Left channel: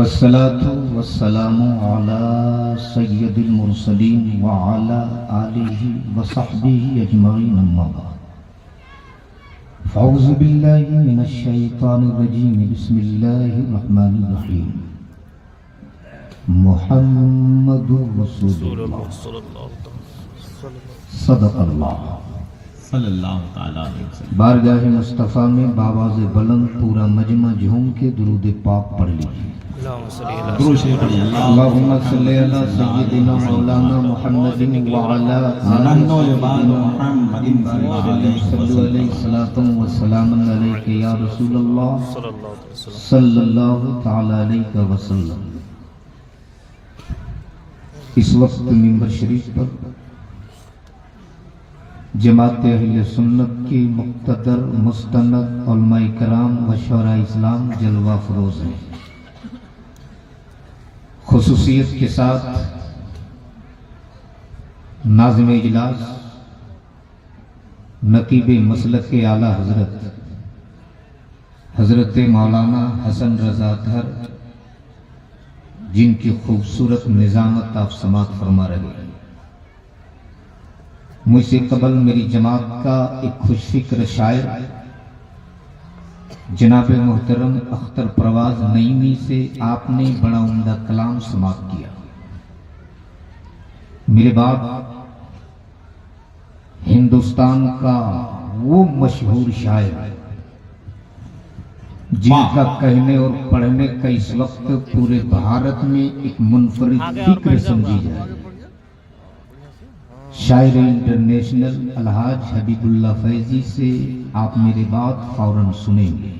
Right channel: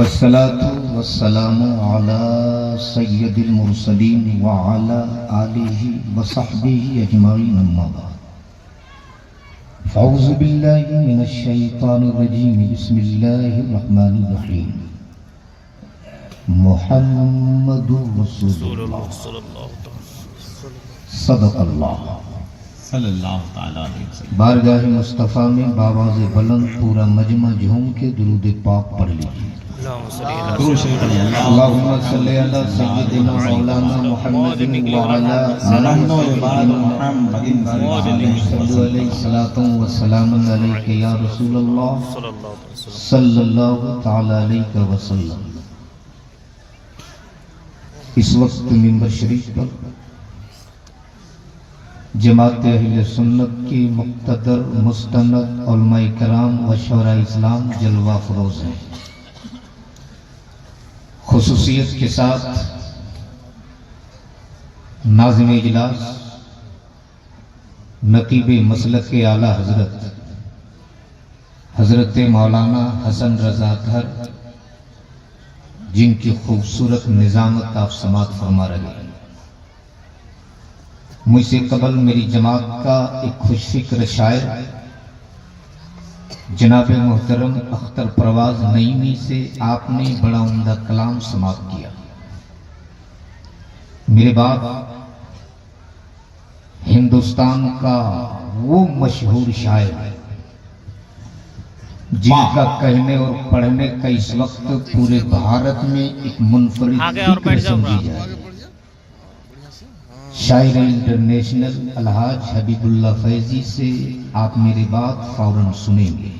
वस्सलातु वस्सलामु अला सय्यदिल मुरसलीन व अला आलिहि व सहबिहि अजमाइन अम्मा बाद। फ़अऊज़ु बिल्लाहि मिनश शैतानिर रजीम। बिस्मिल्लाहिर रहमानिर रहीम। मुहम्मदुर रसूलुल्लाह सदक़ल्लाह सल्लल्लाहु तआला अलैहि वसल्लम। बारगाह मुस्तफ़ा में बावाज़ बुलंद पूरा मजमा झूम के दुरूद पाक पढ़ लीजिए। अल्लाहुम्मा सल्ली अला सय्यिदिना मौलाना मुहम्मदिन व अला आलिहि मुहम्मदिन अलैहि सलातु व सलाम अलैका या रसूलल्लाह सल्लल्लाहु तआला अलैहि वसल्लम। इस वक्त मिंबर शरीफ पर जमात अहले सुन्नत की मुक़्तदर मुस्तनद उलमाए कराम व शोरा इस्लाम जलवा फरोज हैं। खुसूसियत के साथ नाज़िम इजलास नकीब मसलक के आला हजरत मौलाना हसन रज़ा अतहर, जिनकी खूबसूरत निज़ामत आप समात फरमा रहे हैं। मुझसे कबल मेरी जमात का एक खुशफिक्र शायर जनाब मोहतरम अख्तर परवाज नईमी से आपने बड़ा उम्दा कलाम समाप्त किया। मेरे बाप हिंदुस्तान का वो मशहूर शायर जिनका कहने और पढ़ने का इस वक्त पूरे भारत में एक मुनफरिद फिक्र समझी जाए, शायर इंटरनेशनल अलहाज हबीबुल्लाह फैजी से आप मेरे बात फौरन सुनेंगे।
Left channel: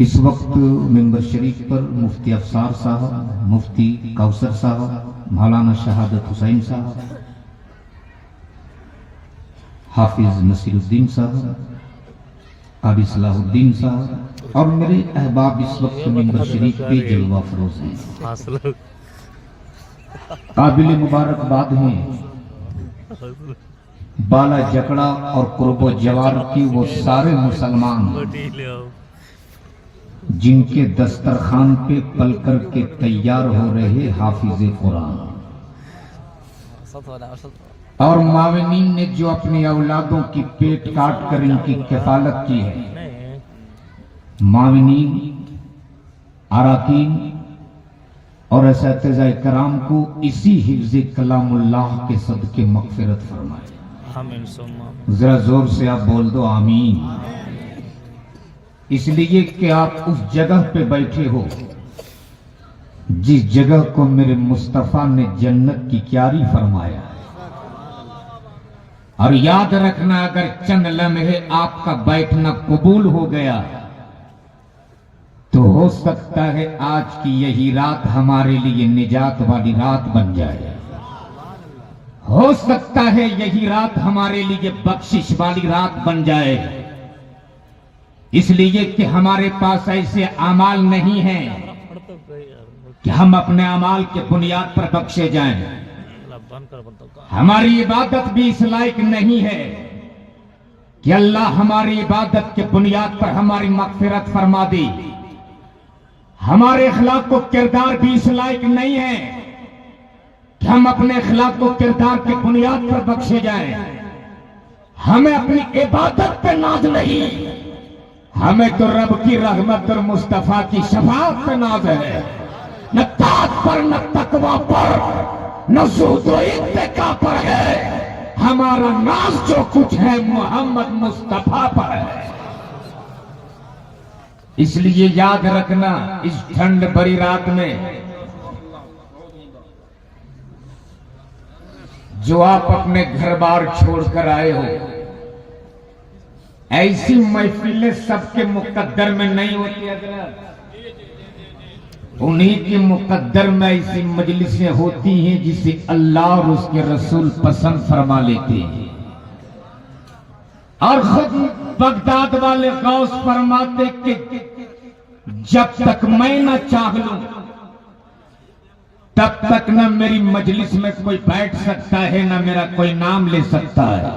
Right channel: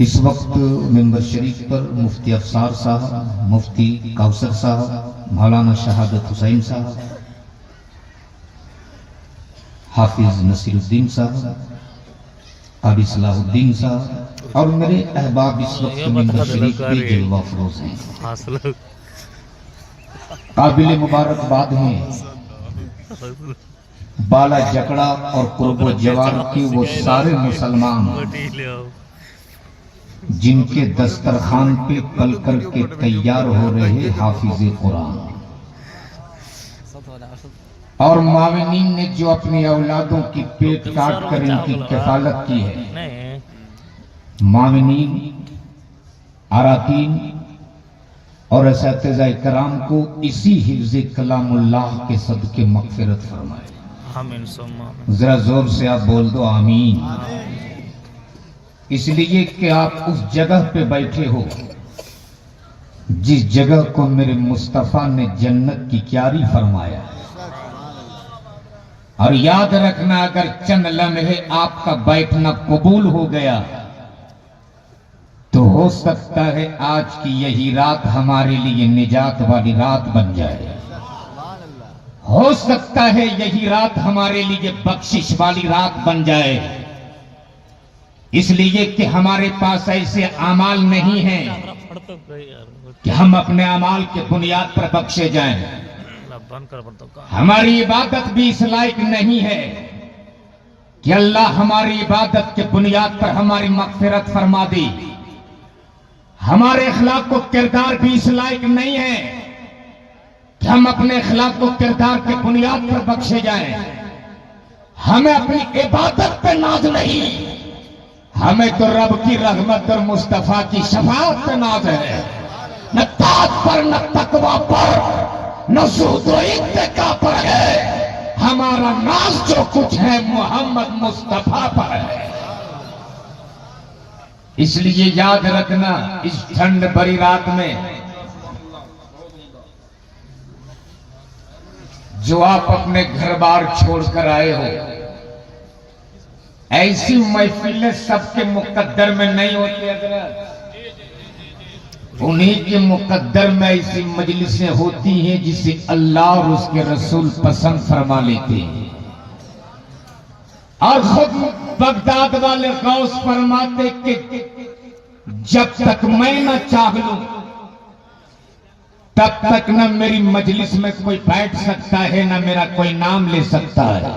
इस वक्त मिंबर शरीफ पर मुफ्ती अफसार साहब, मुफ्ती कौसर साहब, मौलाना शहादत हुसैन साहब, हाफिज नसीरुद्दीन साहब, काबी सलाहुद्दीन साहब और मेरे अहबाब इस वक्त मिंबर शरीफ पे जलवा फरोज हैं। काबिल मुबारकबाद हैं बाला जकड़ा और कुर्बो जवार के वो सारे मुसलमान जिनके दस्तरखान पे पल कर के तैयार हो रहे हाफिज कुरान और माविनीन ने जो अपनी औलादों की पेट काट कर इनकी किफालत की है। माविनीन, अराकीन और असातिज़ाए कराम को इसी हिफ्ज़ कलामुल्लाह के सदके मग़फ़िरत फरमाए। जरा जोर से आप बोल दो आमीन। इसलिए कि आप उस जगह पे बैठे हो जिस जगह को मेरे मुस्तफ़ा ने जन्नत की क्यारी फरमाया। और याद रखना, अगर चंद लम्हे आपका बैठना कबूल हो गया तो हो सकता है आज की यही रात हमारे लिए निजात वाली रात बन जाए। हो सकता है यही रात हमारे लिए बख्शिश वाली रात बन जाए। इसलिए कि हमारे पास ऐसे अमाल नहीं हैं कि हम अपने अमाल के बुनियाद पर बख्शे जाएं। हमारी इबादत भी इस लायक नहीं है कि अल्लाह हमारी इबादत के बुनियाद पर हमारी मग़फ़िरत फरमा दे। हमारे अखलाक को किरदार भी इस लायक नहीं है कि हम अपने अखलाक को किरदार के बुनियाद पर बख्शे जाएं। हमें अपनी इबादत पे नाज नहीं, हमें तो रब की रहमत और मुस्तफा की शफाअत पे नाज है। न तात पर, न तकवा पर, न ज़ुहद व इत्तिका पर है। हमारा नाज जो कुछ है मोहम्मद मुस्तफा पर है। इसलिए याद रखना, इस ठंड भरी रात में जो आप अपने घर बार छोड़कर आए हो, ऐसी महफिलें सबके मुकद्दर में नहीं होती। उन्हीं के मुकद्दर में ऐसी मजलिसें होती हैं जिसे अल्लाह और उसके रसूल पसंद फरमा लेते हैं। और खुद बगदाद वाले गौस फरमाते कि जब तक मैं न चाह लूं तब तक न मेरी मजलिस में कोई बैठ सकता है, न मेरा कोई नाम ले सकता है।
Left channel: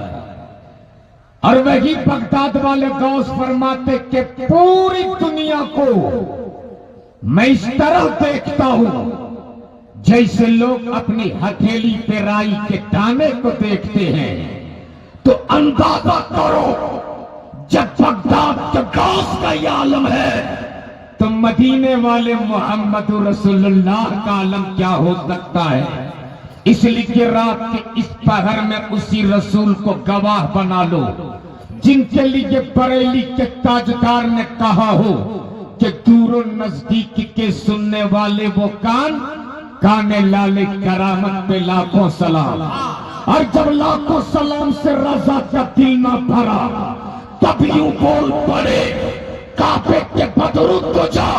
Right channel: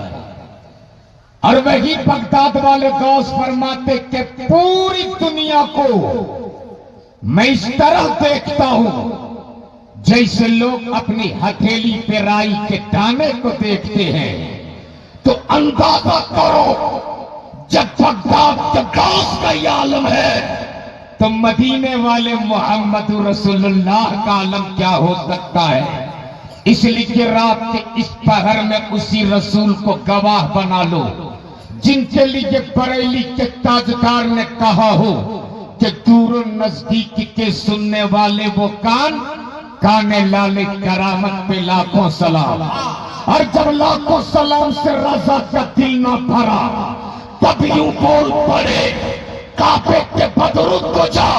और वही बगदाद वाले गौस फरमाते कि पूरी दुनिया को मैं इस तरह देखता हूं जैसे लोग अपनी हथेली पे राई के दाने को देखते हैं। तो अंदाजा करो जब बगदाद के गौस का ये आलम है तो मदीने वाले मोहम्मद रसूलुल्लाह का आलम क्या हो सकता है। इसलिए रात के इस पहर में उसी रसूल को गवाह बना लो जिनके लिए बरेली के ताजदार ने कहा हो कि दूर नजदीक के सुनने वाले वो काने लाले करामत पे लाखों सलाम। और जब लाखों सलाम से रजा का दिल न भरा तब यूं बोल पड़े काबे के बदरूद को जा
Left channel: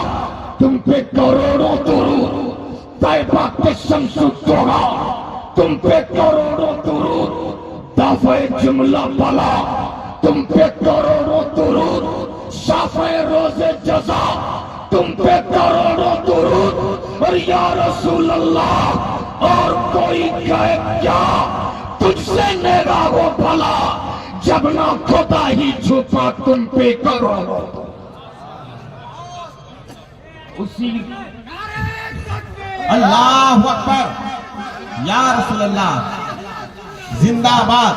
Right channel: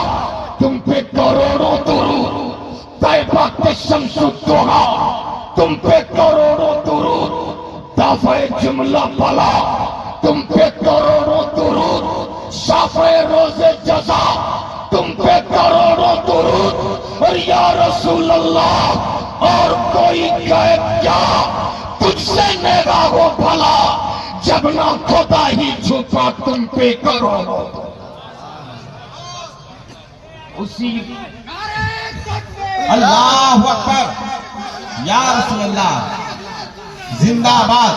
तुम पे करोड़ों दुरूद, तैबा के शमसुद्दोहा तुम पे करोड़ों दुरूद, दाफे जुमला बला तुम पे करोड़ों दुरूद, शाफे रोजे जजा तुम पे करोड़ों दुरूद। और या रसूल अल्लाह और कोई कहे क्या तुझसे नेगा हो भला जब ना खुदा ही छुपा तुम पे करोड़ों। उसी अल्लाह अकबर या रसूल अल्लाह जिंदाबाद।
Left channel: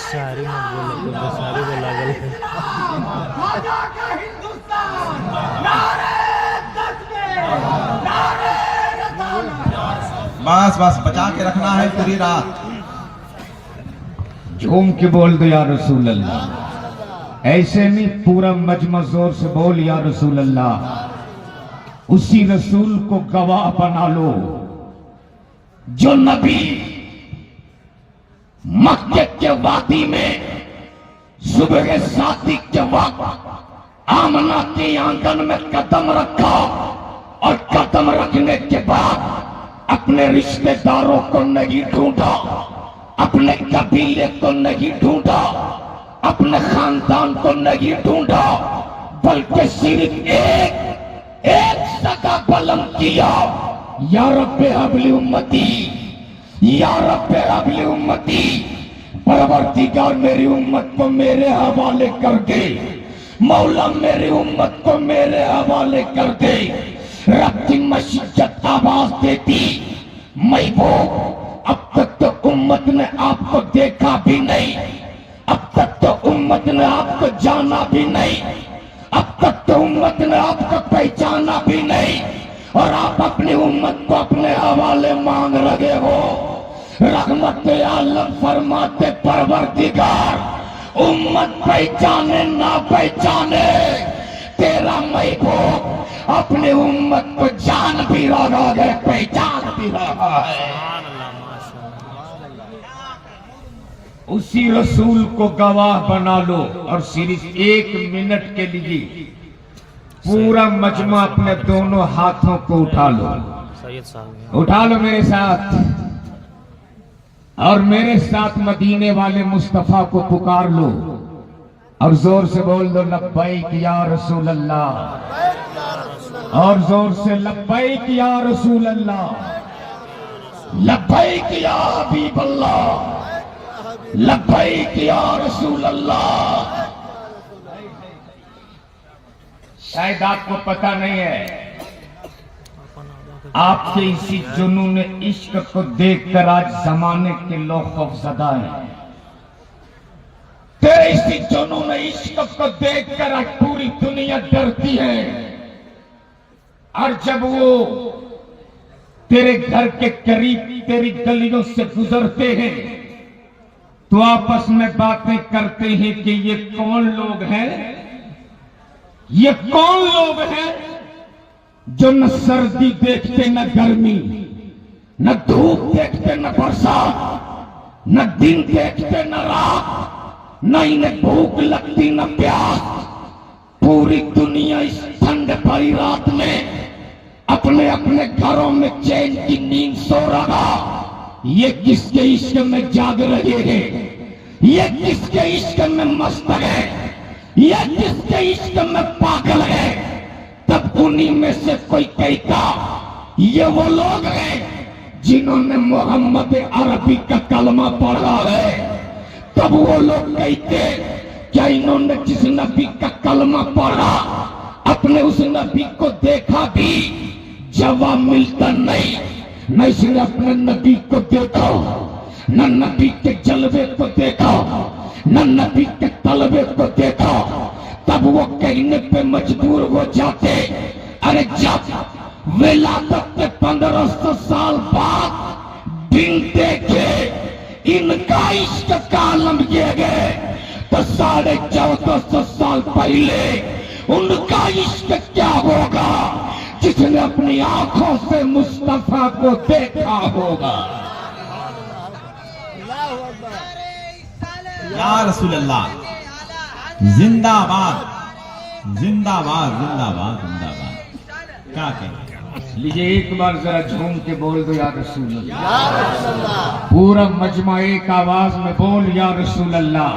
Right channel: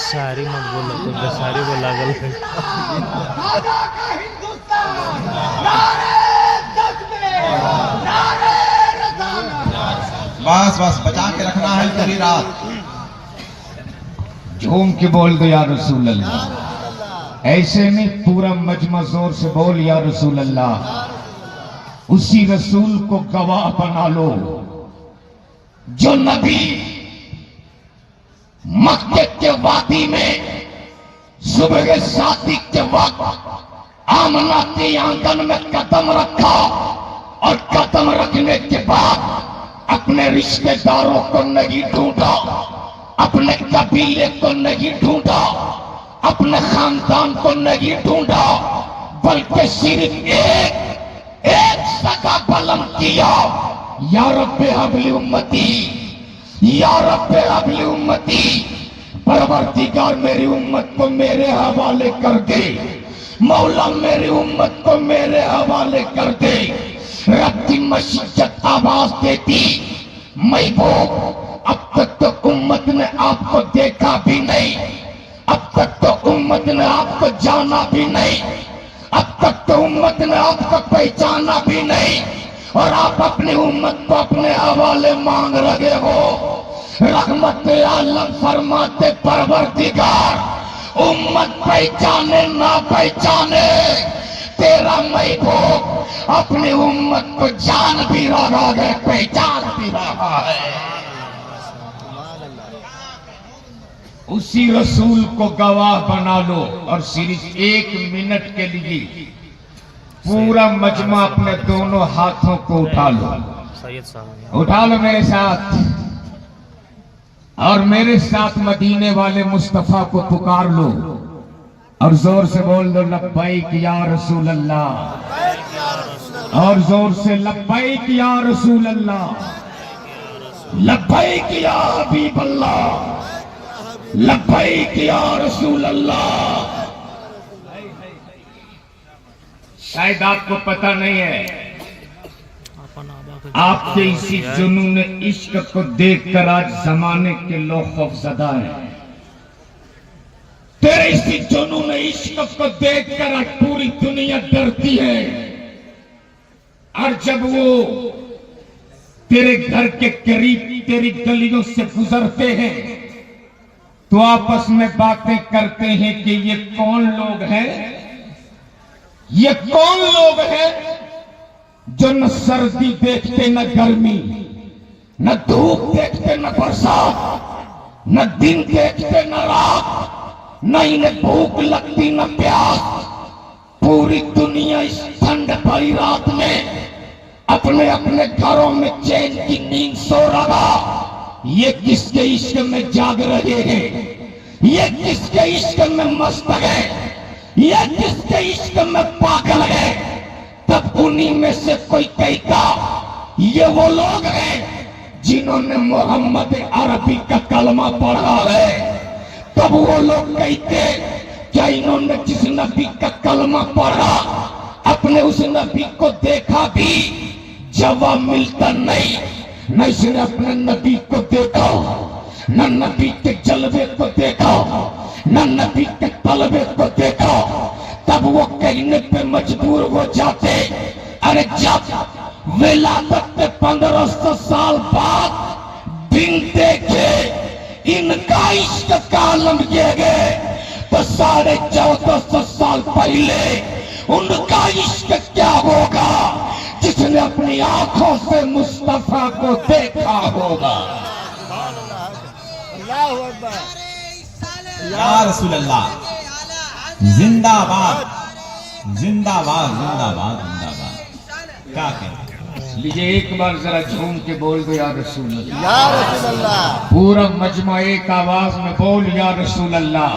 सारी मत बोलो तो सारी बोला गल बस बस बचा के रखना है पूरी रात। झूम के बोल दो या रसूल अल्लाह। ऐसे नहीं पूरा मजमा जोर से बोल या रसूल अल्लाह। उसी रसूल को गवाह बना लो जो नबी मक्के के वादी में सुबह शादी के वक्त आमना के आंगन में कदम रखा और कदम रखने के बाद अपने रिश्तेदारों को नहीं ढूंढा, अपने कबीले को नहीं ढूंढा, अपने खानदान को नहीं ढूंढा, बल्कि सिर्फ एक सगा बलम किया या रब्बे हबली उम्मती, या रब्बे हबली उम्मती। परवरदिगार मेरी उम्मत को मेरे हवाले कर दे, मौला मेरी उम्मत को मेरे हवाले कर दे। रब की मशीजत आवाज देती महबूब अब तक तो उम्मत ने आपको देखा भी नहीं, अब तक तो उम्मत ने आपको जाना भी नहीं, अब तक तो उम्मत ने आपको पहचाना भी नहीं और आप अपनी उम्मत को अपने हवाले मांग रहे हो। रहमत आलम फरमाते परवरदिगार उम्मत पहचाने ना पहचाने तेरा महबूब अपनी उम्मत को जान भी रहा है, पहचान भी रहा है। उसी रसूल को गवाह बना लो और सिर्फ 1 मिनट के लिए पूरा मजमा अपने दोनों हाथों को उठा लो, सैयद साहब उठा लो मेरे साथ और मेरे साथ मदीने वाले मुस्तफा को पुकार लो और जोर से बोल दो लब्बैक या रसूल अल्लाह, और जोर से लब्बैक या रसूल अल्लाह, लब्बैक या हबीब अल्लाह, लब्बैक या रसूल अल्लाह। शायद आपको पता नहीं है, आपके इसी जुनून इश्क को देखकर आज जमाने के लोग खौफजदा हैं। तेरे इसी जुनून इश्क को देखकर आज पूरी दुनिया डरती है। और जब वो तेरे घर के करीब तेरी गलियों से गुजरते हैं तो आपस में बातें करते हैं कि ये कौन लोग हैं, ये कौन लोग हैं जो न सर्दी देखते न गर्मी, न धूप देखते न बरसात, न दिन देखते न रात, न इन्हें भूख लगती न प्यास। पूरी दुनिया इस ठंड भरी रात में अपने अपने घरों में चैन की नींद सो रहा। ये किसके इश्क में जाग रहे हैं, ये किसके इश्क में मस्त है, ये किसके इश्क में पागल है। तब उन्हीं में से कोई कहता ये वो लोग हैं जिन्होंने मोहम्मद अरबी का कलमा पढ़ा है। तब वो लोग कहते क्या इन्होंने जिस नबी का कलमा पढ़ा अपने अपने उस नबी को देखा भी जवाब मिलता नहीं। न इसने अपने नबी को देखा, न नबी के जलवे को देखा, न नबी के तलबे को देखा। तब वो कहने पे मजबूर हो जाते, अरे जब विलादत के 1500 साल बाद दिन देखे इनका इश्क का आलम ये गए, तो 1450 साल पहले उनका इश्क क्या होगा जिसने अपनी आंखों से मुस्तफा को देखा होगा। या रसूल अल्लाह, जिंदाबाद जिंदाबाद जिंदाबाद जिंदाबाद। क्या कहते लीजिए एक बार जरा झूम के बोल दो या रसूल अल्लाह। पूरा मजमा एक आवाज में बोल या रसूल अल्लाह।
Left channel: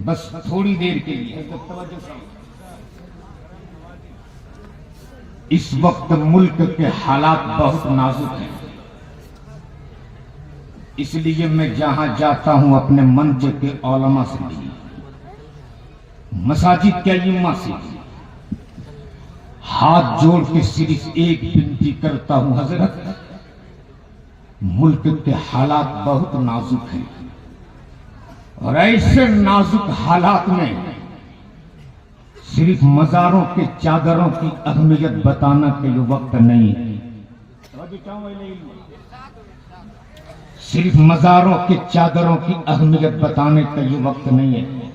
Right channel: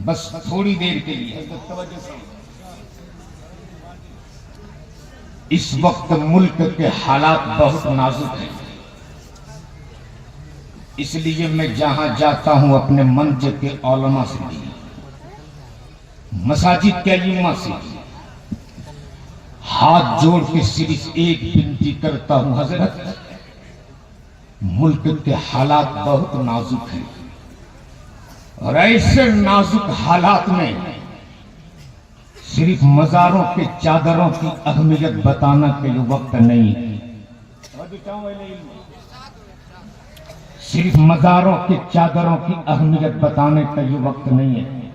बस थोड़ी देर के लिए। इस वक्त मुल्क के हालात बहुत नाजुक हैं, इसलिए मैं जहां जाता हूं अपने मंच के औलमा से भी, मसाजिद के इमाम से हाथ जोड़ के सिर्फ एक विनती करता हूं, हजरत मुल्क के हालात बहुत नाजुक हैं और ऐसे नाजुक हालात में सिर्फ मजारों के चादरों की अहमियत बताना का ये वक्त नहीं है। सिर्फ मजारों के चादरों की अहमियत बताने का ये वक्त नहीं है।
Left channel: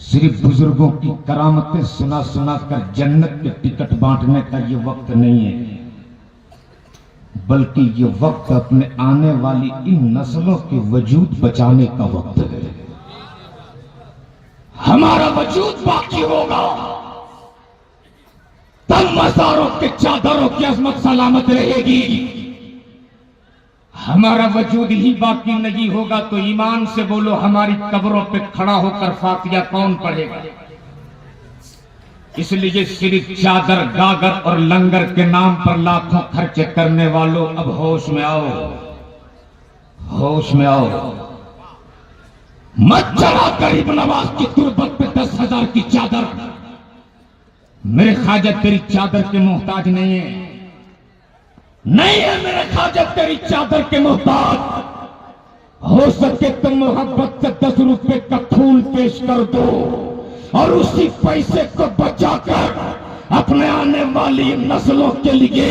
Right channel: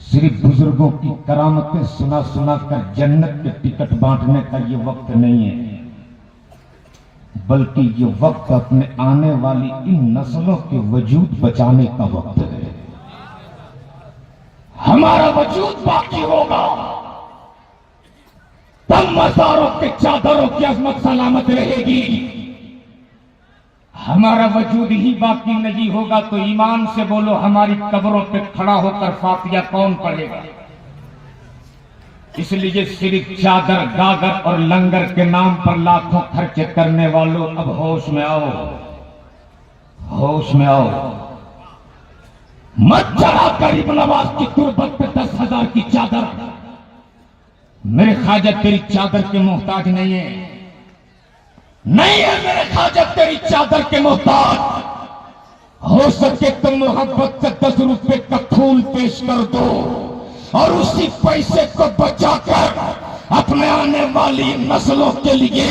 सिर्फ बुजुर्गों की करामतें सुना सुना कर जन्नत के टिकट बांटने का ये वक्त नहीं है, बल्कि ये वक्त अपने आने वाली इन नस्लों के वजूद बचाने का वक्त है। हमारा वजूद बाकी होगा तब मज़ारों के चादरों की अजमत सलामत रहेगी। हमारा वजूद ही बाकी नहीं होगा तो ईमान से बोलो, हमारी कब्रों पे खड़ा होकर फातिया कौन पढ़ेगा। इसलिए सिर्फ चादर, गागर और लंगर के नाम पर लाखों खर्च करने वालों, अब होश में आओ, होश में आओ। मत चढ़ा गरीब नवाज की तुरबत पे 10,000 की चादर। मेरे ख्वाजा तेरी चादर के मोहताज नहीं है, नहीं है मेरे ख्वाजा तेरी चादर के मोहताज। हो सके तो मोहब्बत से 10 रुपए का फूल पेश कर दो और उसी पैसे को बचाकर अपने आने वाली नस्लों के लिए,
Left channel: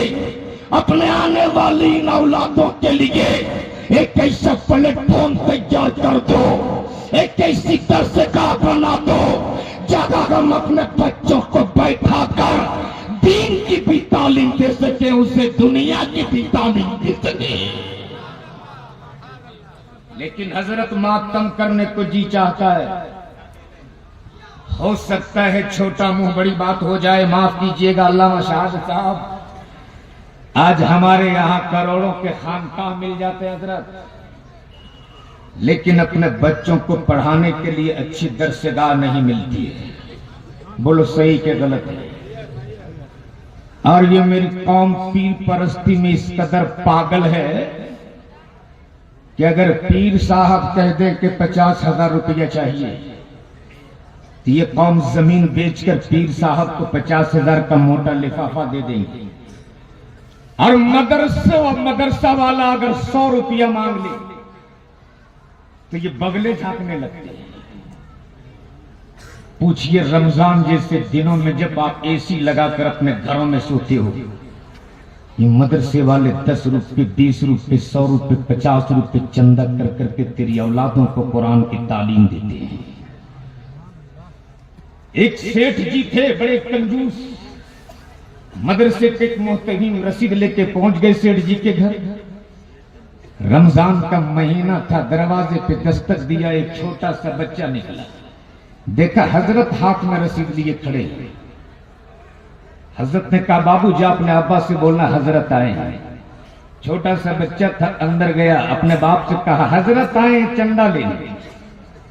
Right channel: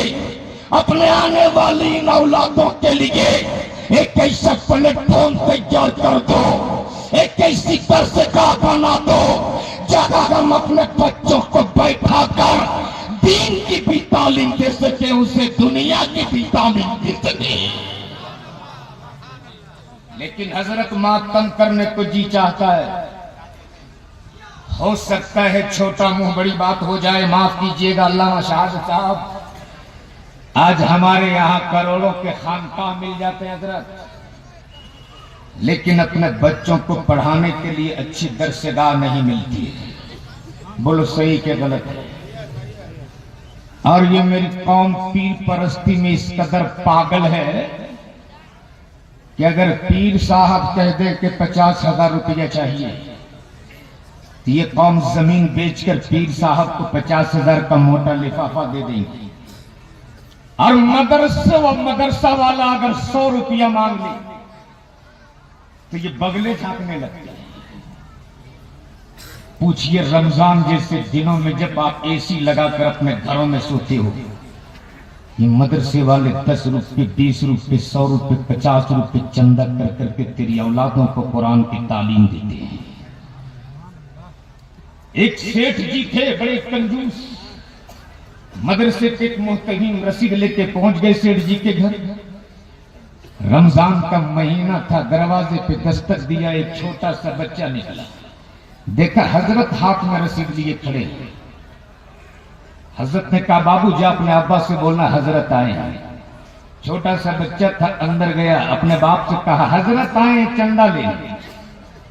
अपने आने वाली इन औलादों के लिए एक ऐसा प्लेटफॉर्म तैयार कर दो, एक ऐसी दरसगाह बना दो जहां हम अपने बच्चों को बैठा कर दीन की भी तालीम दे सके, उसे दुनिया की भी तालीम दे सके। लेकिन हजरत मातम करने को जी चाहता है। हो सकता है छोटा मुंह बड़ी बात हो जाए, माफ कीजिएगा अल्लामा शाह साहब। आज हमारे यहाँ करोड़ों के खानकाह मिल जाते हैं हजरत, लेकिन अपने बच्चों को पढ़ाने के लिए अच्छी दरसगाह नहीं मिलती है। बोलो सही के गलत है। और ये मेरी कौम पीर परस्ती में इस कदर पागल है कि अगर पीर साहब कह दे कि 50,000 रुपया चाहिए तो ये कौम जमीन बेचकर पीर साहब को 50,000 का मोटा लिफाफा दे देंगे। और मदरसा वाला अगर 100 रुपया मांग ले तो ये बगले झांकने लगते हैं। पूछिए रमजान जैसे दिनों में जब आप एसी लगाकर अपने घरों में सोते हो, ये मदरसे वाले 10 रुपये, 20 रुपये, 100 रुपये, 50 रुपये चंदा कर करके तेरी औलादों को कुरान की तालीम देते हैं। एक सेठ जी थे बड़े कंजूस, मदरसे पे एक मोहतहीन रसीद लेके पहुंच गए सेठ जी के घर। रमजान का महीना था, दरवाजे पे दस्तक दिया, एक छोटा सा बच्चा निकला। देखा हजरत हाथ में रसीद लिए खड़े। हजरत ने कहा बाबू जा अपने अब्बा से बोलना हजरत आए हैं। छोटा सा बच्चा था, अंदर गया, अपने बाप से कहा हजरत आए चंदा लेने।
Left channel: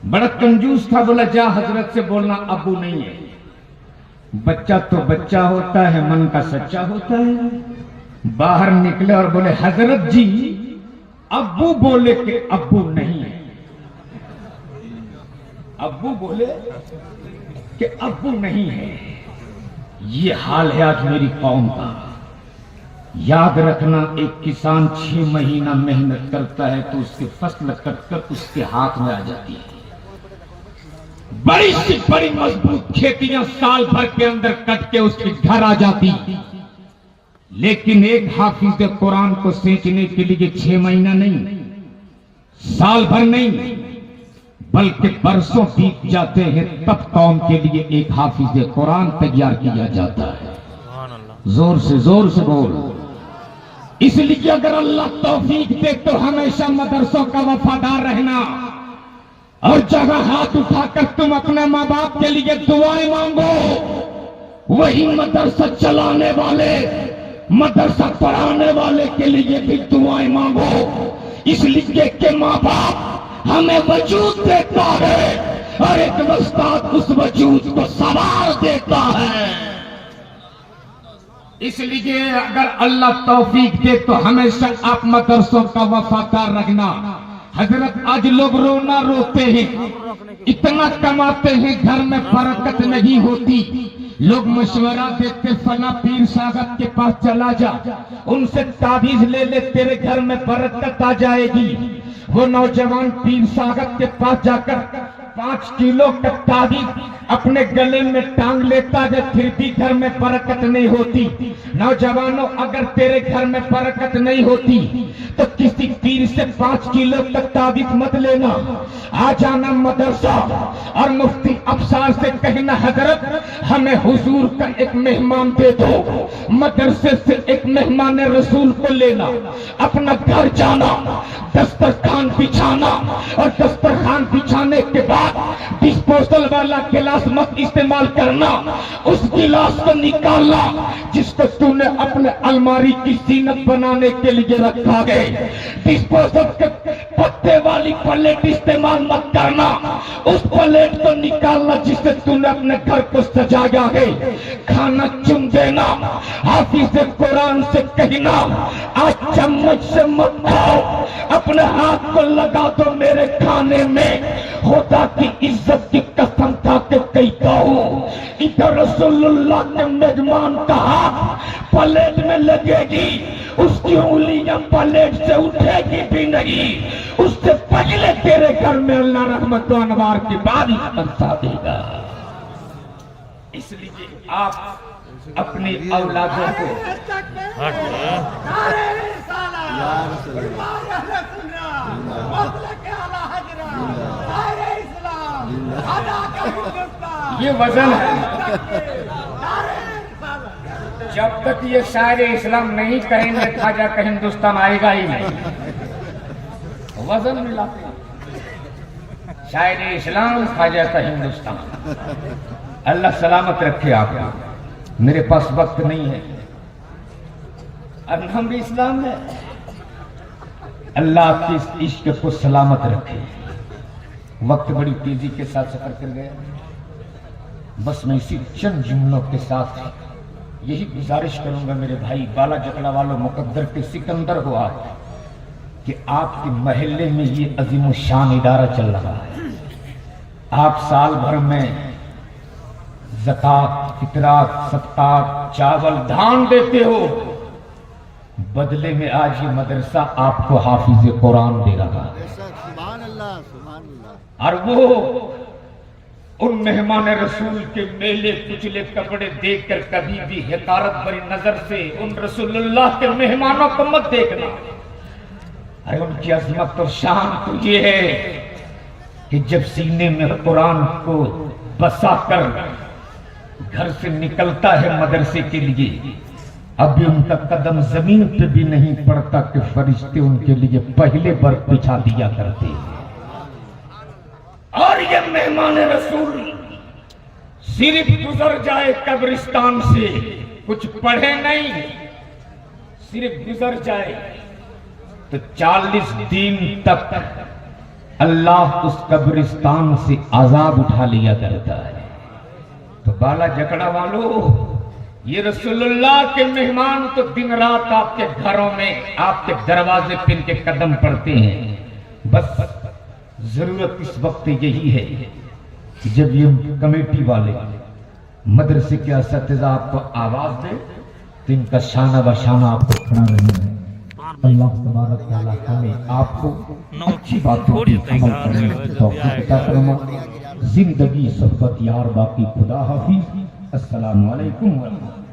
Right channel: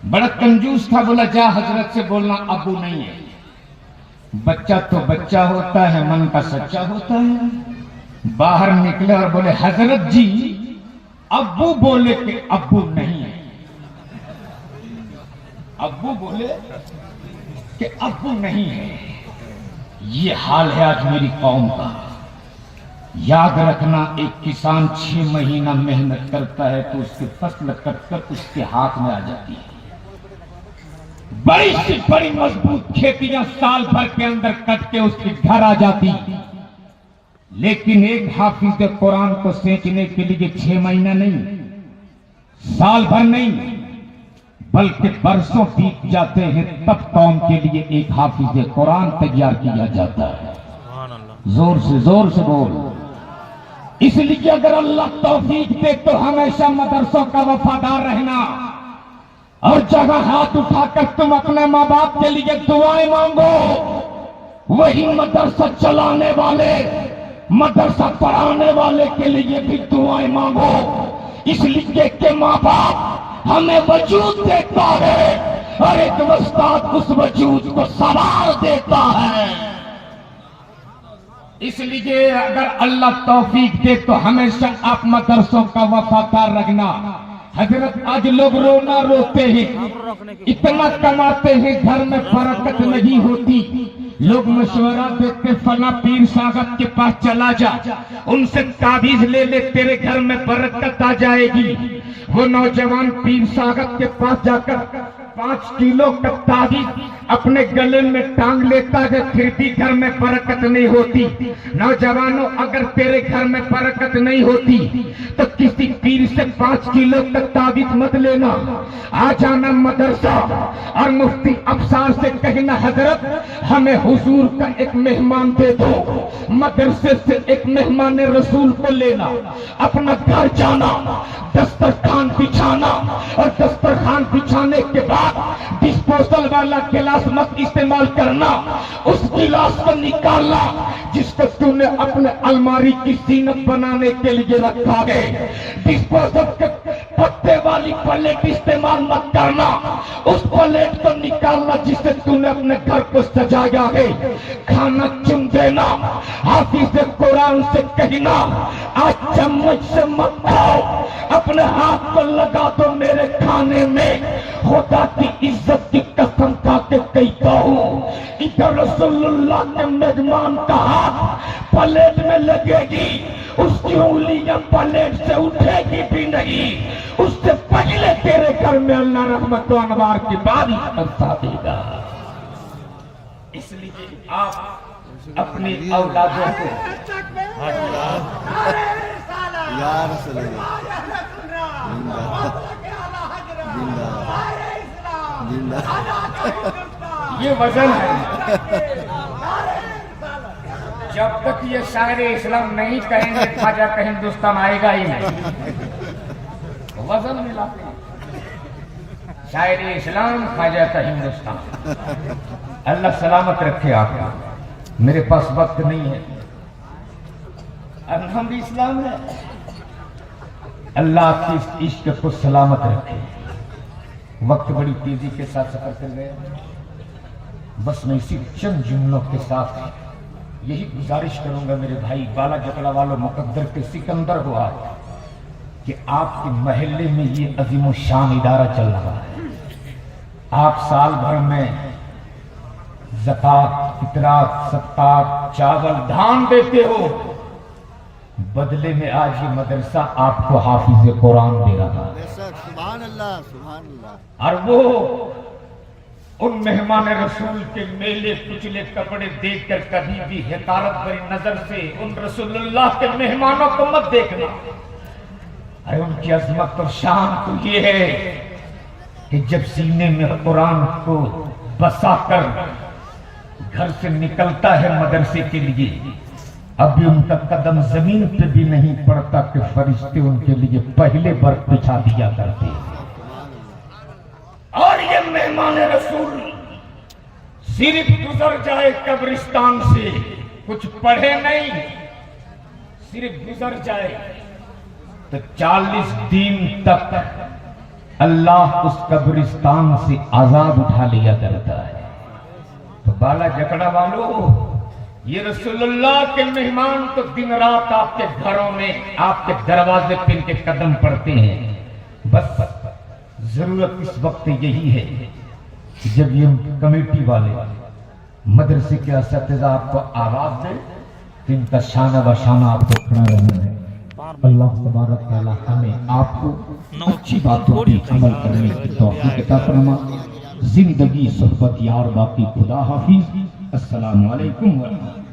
बड़ा कंजूस था, बोला जा हजरत से बोलना अब्बू नहीं है। बच्चा तो बच्चा होता है, मन का सच्चा होता है। बाहर निकले और बोले हजरत जी अब्बू बोले कि अब्बू नहीं है। अब्बू बोले कि अब्बू नहीं है। ये हाल है आज मेरी कौम का। याद रखना, एक किसान 6 महीना मेहनत करता है तो उसकी फसल कटकर उसके हाथ में आ जाती है। बड़ी से बड़ी मजबूत खेतियां साल भर के अंदर कट के उसके घर आ जाती, लेकिन एक हाफिज कुरान को सींचने के लिए 6 महीना नहीं, साल भर नहीं, बल्कि बरसों बीत जाते हैं, तब कौम के लिए एक हाफिज कुरान तैयार किया जाता है। सुभान अल्लाह। जोर से बोल। इसलिए अगर अल्लाह तौफीक दे तो हमेशा मदरसों का वफादार रहना, और जगह हाथ उठाकर तुम अपने माँ बाप के लिए दुआएं मांगो। वही मदरसा चलाने वाले, मदरसा पढ़ाने वाले के लिए भी दुआएं मांगो। इसलिए कि माँ बाप हमें वजूद देता है और एक उस्ताद उस वजूद को संवार देता है। इसलिए अगर अल्लाह तौफीक दे तो हमेशा आप मदरसों का वफादार रखना। हजरत, आज लोग रोना रोते हैं, इतना कमाते हैं, घर में बरकत नहीं होती। लोग मशवरा देते, फला पीर साहब के पास चला जा, उनसे ताबीज ले ले, तेरे घर में बरकत आ जाएगी। वो नौजवान पीर साहब के पास जाकर 5 किलो का ताबीज अपने गले में टांग लेता है, फिर भी घर में बरकत नहीं होती। नौजवानों, अगर तेरे घर में बरकत नहीं होती तो किसी पीर से 5 किलो का ताबीज मत लेना। आ जाना मदरसा और मुफ्ती अफसार से कहना, हजरत हमें हुजूर का एक मेहमान दे दो। मदरसे से एक मेहमान रसूल को लेना, अपना घर जाना, दस्तरखान बिछाना, और दस्तरखान बिछाने के बाद डिस्पोजल वाला गिलास मत इस्तेमाल करना। उस गिलास को निकालना जिसको तूने अपने अलमारी की जीनत बनाने के लिए रखा है। डिस्पोजल के पत्ते वाली प्लेट इस्तेमाल मत करना। उस प्लेट को निकालना जिससे तूने अपने घर को सजाया है। खाना चुन देना। हाफिज कुरान से कहना, आज चम्मच से मत खाओ, अपने हाथ को लगा दो मेरे खाने में। खुदा की इज्जत की कसम खा के कहता हूँ, इधर रसूलुल्लाह के मेजमान का हाथ प्लेट में लगेगी, उसकी उंगलियां प्लेट से उठेगी भी नहीं। उससे पहले तेरे घर में अल्लाह रहमत व अनवार की बारी बरसा देगा। इसलिए आप अपनी औलादों को ये वजन है। जब तक ये शायर इस्लाम नहीं कहेंगे ख्वाजा का हिंदुस्तान आएगा ही नहीं। वजन मिलाते हैं, शायर इस्लाम ख्वाजा का हिंदुस्तान। अल्लाह सलामत रखे आप। मेरे पास वक्त नहीं है, अब हम भी इस्लाम है। अल्लाह आपके इस इश्क को सलामत रखे। वक्त बड़ी तेजी के साथ सफर कर गया। बस मैं इसी चंद जुमलों के साथ यही गुजारिश करूंगा मेरे भाई बाला जकड़ा वालों मुकद्दर के सिकंदर को आज, कि आपके महल्ले में ये अजीम शान इदारा चल रहा है। आप साल भर में ज़कात, फितरात, सदक़ात, चावल, धान देते हो, बदले में आज ये मदरसा आपको हाफिज कुरान दे रहा है। सुभान अल्लाह, सुभान अल्लाह। और वो उन मेहमान रसूल के मेले कुचले कपड़े देखकर कभी भी हकारत भरी नजर से उन रसूलुल्लाह के मेहमानों को मत देखना। अरे उनकी अजमत और शान तो ये है कि जब सीने में कुरान को बसाकर घर से निकलता है मदरसे के लिए, अभी उनका कदम जमीन पे भी नहीं पड़ता कि फरिश्ते उनके लिए पहले बर्फ बिछा दिया करते। और ये मेहमान रसूल सिर्फ गुजर जाए कब्रिस्तान से, कुछ पढ़े नहीं, सिर्फ गुजर जाए तो 40 दिन तक अल्लाह उस कब्रिस्तान से आजाब उठा लिया करता है। तो बाला जकड़ा वालों, ये रसूलुल्लाह के मेहमान तो दिन रात आपके घरों में, आपके दरवाजे पे इनके कदम पड़ते हैं। बस जरूरत इस वक्त यही है जब ये कमेटी वाले मदरसे के असतिज़ा आपको आवाज दे तो इनका शाना बशाना आपको खड़ा रहना है। अल्लाह तबारक तआला हमें आपको अच्छी बातों की अमल करने की तौफीक अता फरमा। जिंदगी सोहबत यार बाकी खुदा हाफिज। अस्सलामु अलैकुम व रहमतुल्लाह।